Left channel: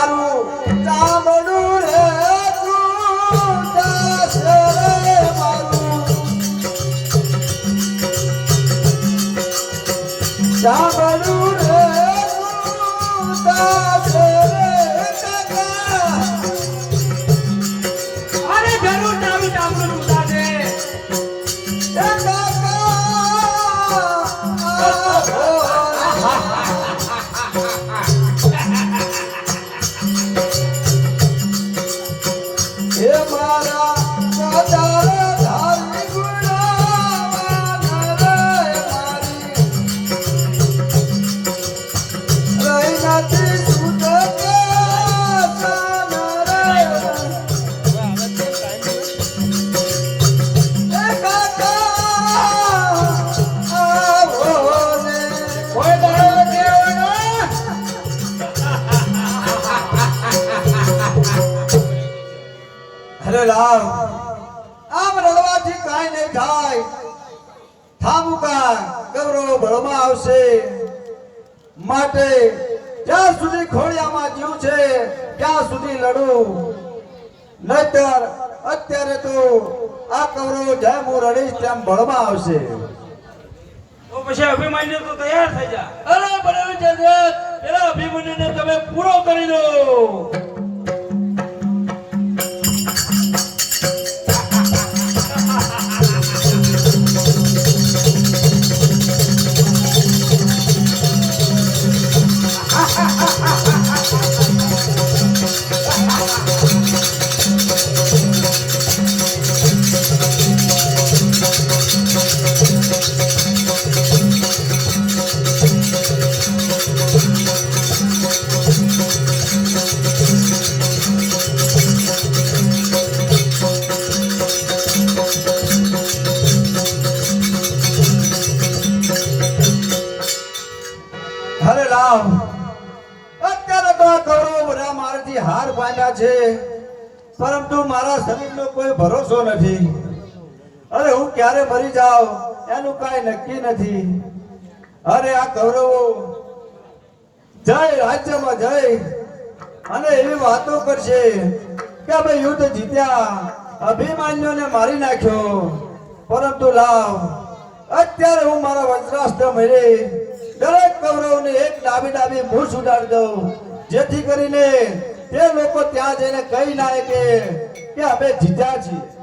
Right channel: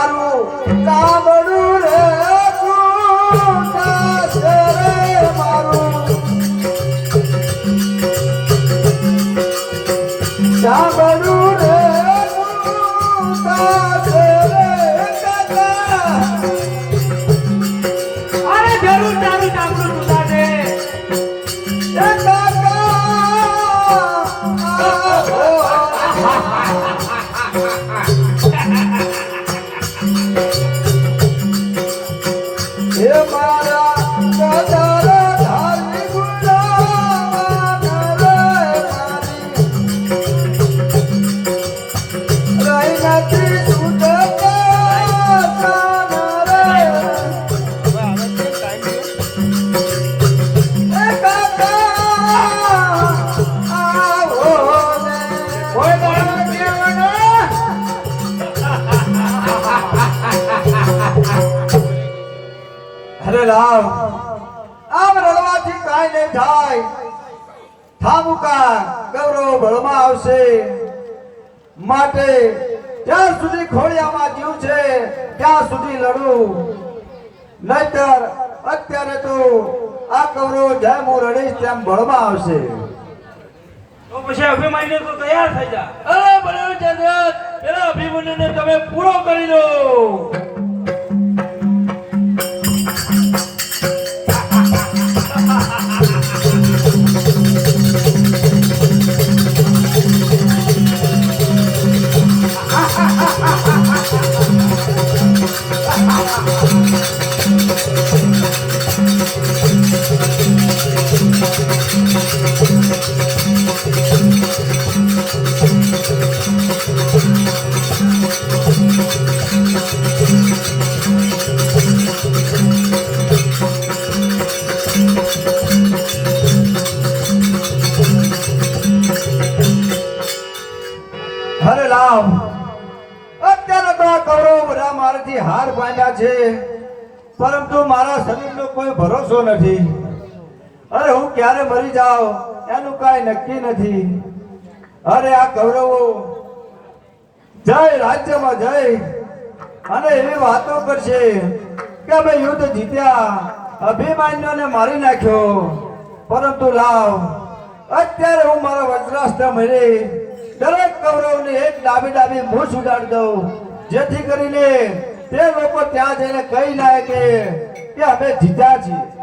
મારું ચામડું રે કૂટાશે રે મારું ચામડું રે કૂટાશે રે કાકા અરે જરૂર તારું ચામડું તૂટાશે અરે રામ આમ રડવાથી કાંઈ નહીં થાય થામુકા ગૌરવ બળમાં આવશે માટે જ્યાં સુધી ખોડિયામાં જીવ છે ત્યાં સુધી લડું નહીતર અત્યારે તો આ કૌરવ જેમ હું રડીશ તેમ બળમાં આવશે તો પછી અભિમન્યુ તો તૈયાર થઈ જા અરે બળેલું જગત પેલા અભિમન્યુને તમે પૂરો કરી દો હરે રામ અત્યારે તો આ કૌરવ બધા મારાથી હાર પામ્યા છે પરંતુ મારા શરીરનો કોઈ ભરોસો નથી અરે હું ક્યારે મરી જાઉં એનું કાંઈ નક્કી નથી અરે આ કૌરવો જય રાજ્યમાં જઈ અને એવી વાતો કરશે કે અમે યુદ્ધ જીત્યા અભિમાન્યુને મારી નાખ્યો પરંતુ લાવ અત્યારે હું મારા વજ્રાસ્ત્ર મળી દરેક કૌરવને એક ડાબી ડાબી મૂછ ઉડાડી દઉં જેથી કરીને તે લોકો ત્યાં જઈને કહી ના કે અમે જીત્યા છીએ